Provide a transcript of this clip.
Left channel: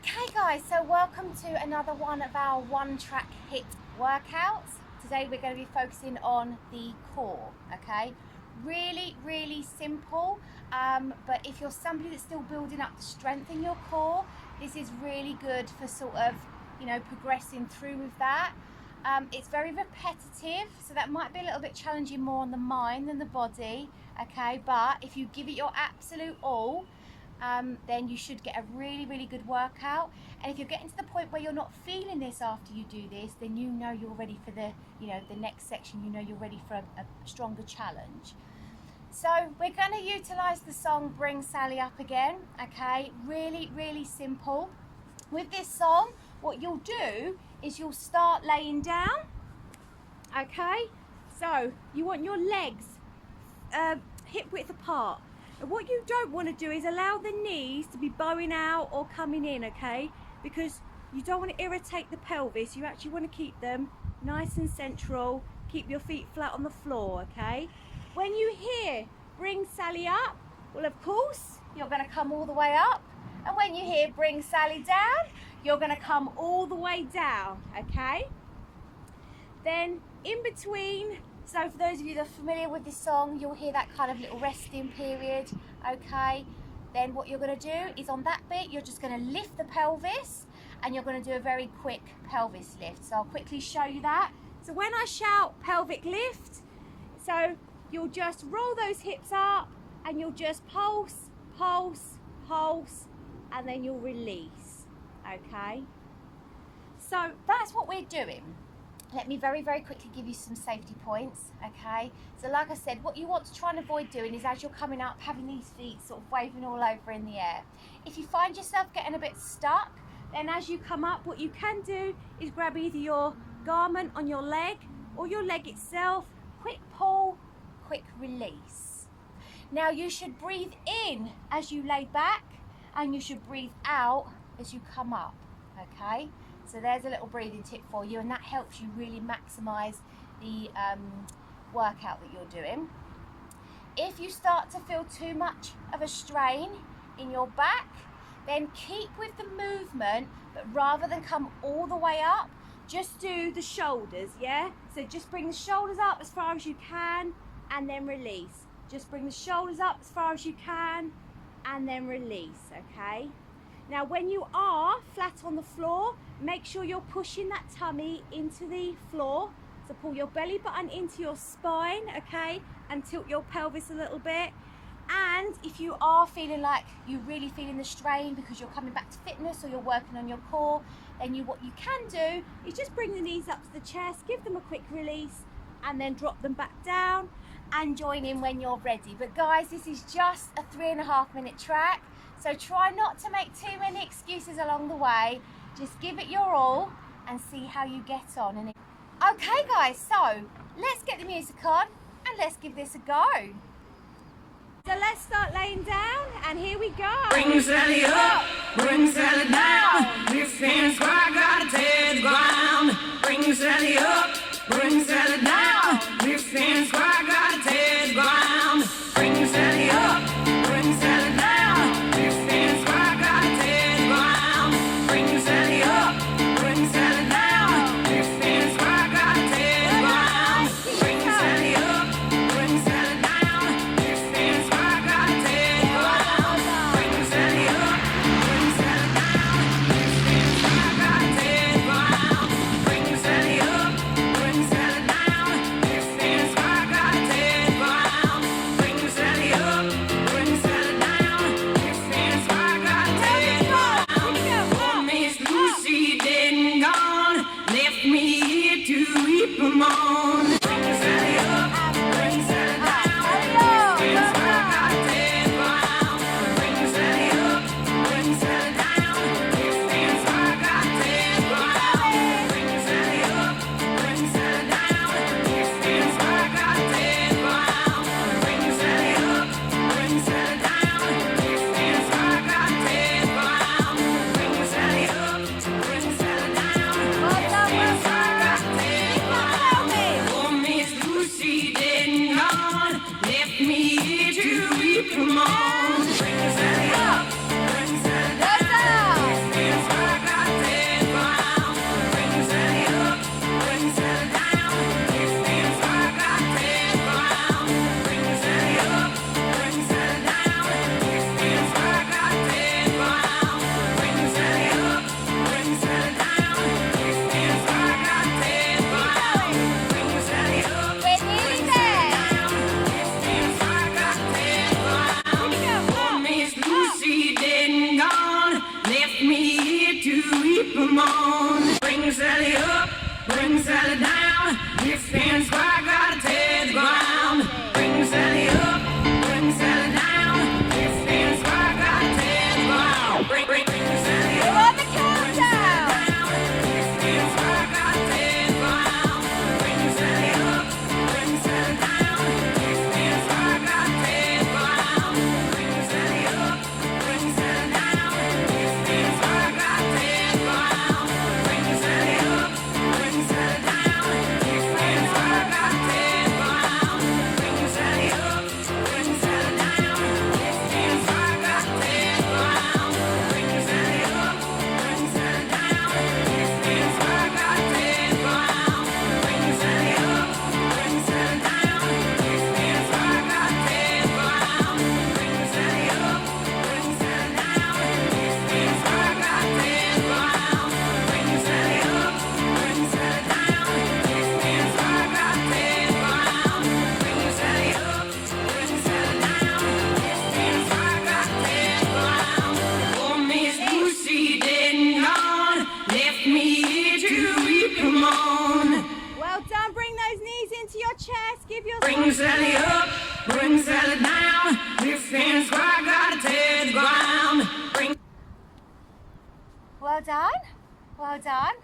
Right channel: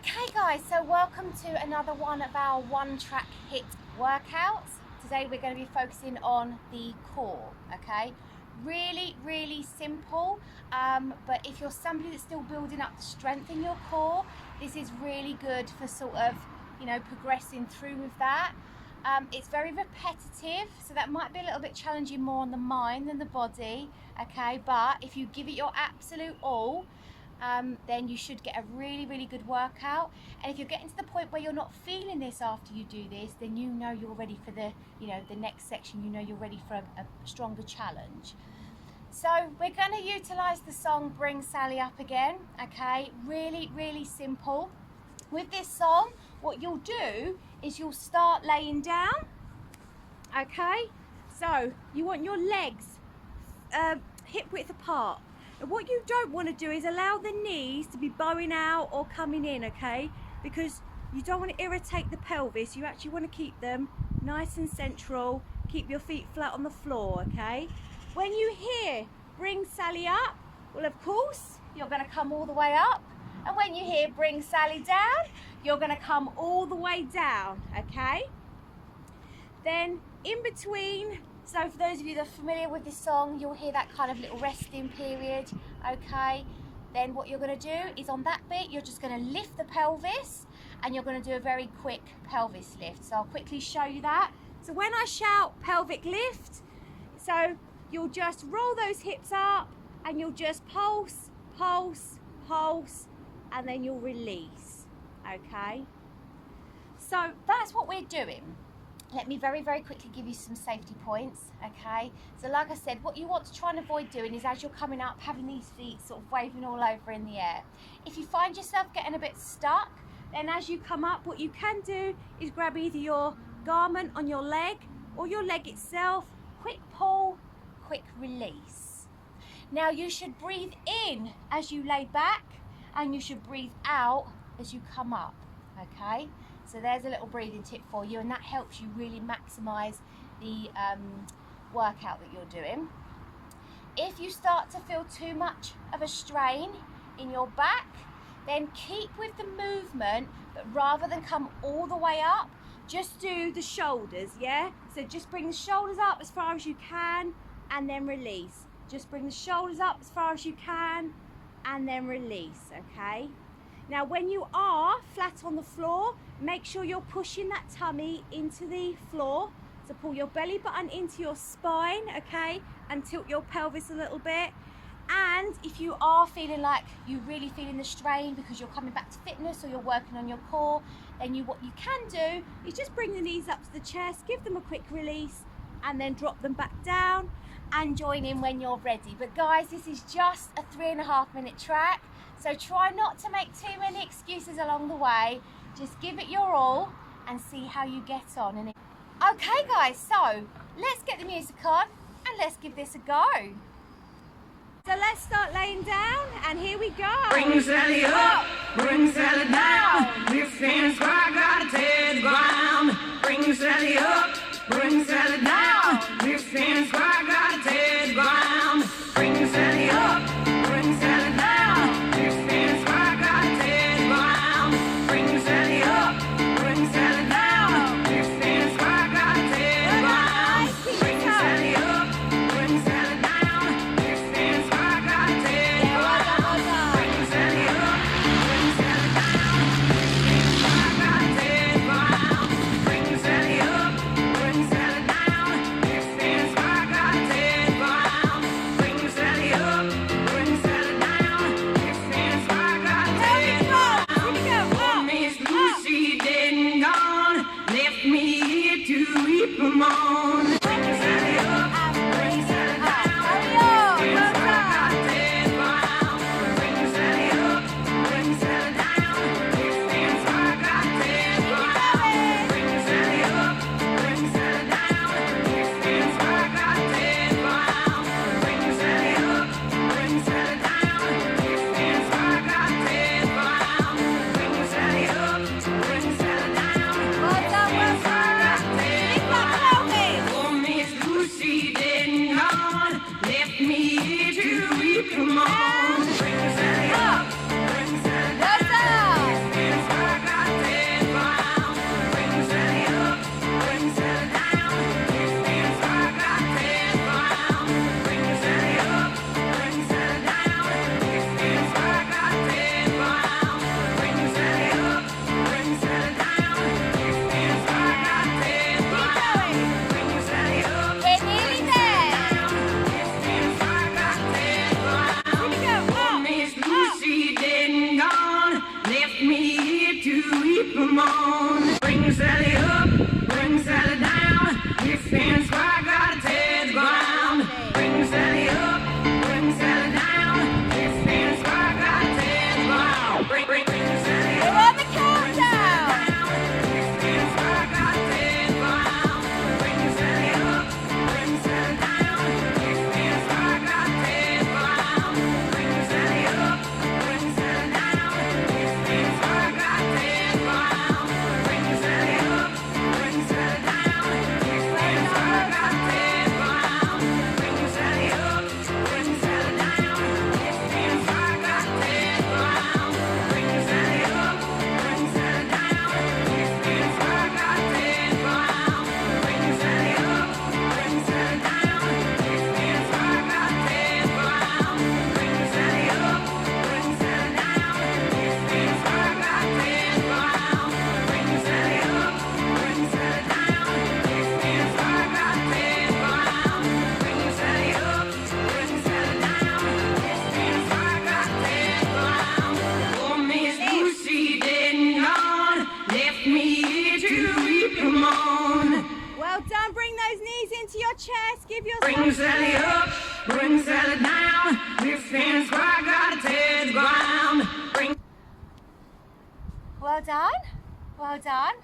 Okay guys, so welcome to another one of our one track HIIT workouts. Today we're going to be focusing on the core, okay? Really simple, but if you're somebody that's still building up the strength in your core, this is really good for sort of, progressing through with that. It's very repetitive, so that might be a little bit challenging more on the mind than the body, okay? But if you give it your absolute all, then you should get a really good workout. And if you're getting to the point where you're not feeling this after you do this, then you know you're ready for the next section. You know you're ready for a stronger challenge. So we're going to utilize the song Bring Sally Up again, okay? Really simple. With this song, what you'll do is you'll start laying down, okay? So you want your legs hip width apart. And what you don't want to do is allow the knees to be bowing out or coming in, okay? Because you don't want to irritate the pelvis. You actually want to keep them nice and central. Keep your feet flat on the floor, okay? When you hear Bring Sally Up, well, of course, you're going to come all the way up. And when you hear Bring Sally Down, you're going to come all the way down, okay? Then in between, so for those of you that are familiar with this song, you'll hear that kind of little resting period, okay? Then what you're going to do is on that bit, you're just going to lift the pelvis and you're going to do a very quick pelvis lift. So I'll quickly show you that. So when I shout pelvic lift, so you'll just roll those hips up and you'll just pulse, and then you'll release, okay? So that's what we're doing. Let me very quickly give you some safety points, okay? So like I said, what you want to try and avoid doing is as you're coming up, having these feet sort of waving all over in the air. If you find yourself getting a bit stuck, then as you come up, what you can do is grab either your garment on your leg or your leg itself, quick pull, quick release. Now you should breathe in as you lay back and you should breathe out as you come up, okay? So there's a little breathing tip for you, and that helps you really maximize the workout that you're doing. If you start to feel too much of a strain in your back, then keep with the movement, but rather than come all the way up, just do the shoulders, yeah? So just bring the shoulders up as far as you can and then release. Just bring the shoulders up as far as you can and then release, okay? Now when you are flat on the floor, make sure you're pushing that tummy into the floor. So pull your belly button into your spine, okay? And tilt your pelvis a little bit. And if you are feeling like you're really feeling the strain because you're coming back to fitness or you're working on your core, then what you can do is just bring the knees up to the chest, give them a quick release, and then drop them back down and join in when you're ready. But guys, this is just a 3.5 minute track. So try not to make too many excuses along the way. Just give it your all and see how you get on. Okay guys, so let's get the music on and let's give this a go. So let's start laying down and here we go. Bring Sally up, bring Sally down. This fence where I gotta tear the ground. Bring Sally up, bring Sally down. This fence where I gotta tear the ground. Bring Sally up, bring Sally down. This fence where I gotta tear the ground. Bring Sally up, bring Sally down. This fence where I gotta tear the ground. Bring Sally up, bring Sally down. This fence where I gotta tear the ground. Bring Sally up, bring Sally down. This fence where I gotta tear the ground. Bring Sally up, bring Sally down. This fence where I gotta Well done. Well done.